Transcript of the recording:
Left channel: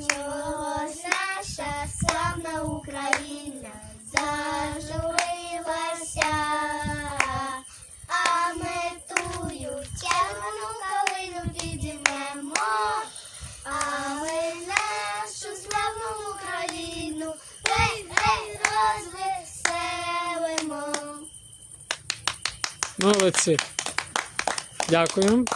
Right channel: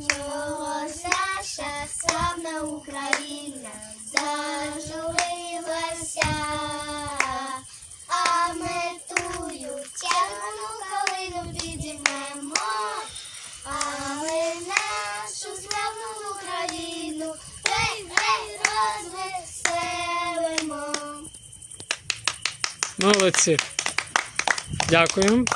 Його наша славна Україна зажурилася, а ми тую тягну калину підіймемо, а ми нашу славну Україну рей, рей, розвеселимо. Молодці. Дякую.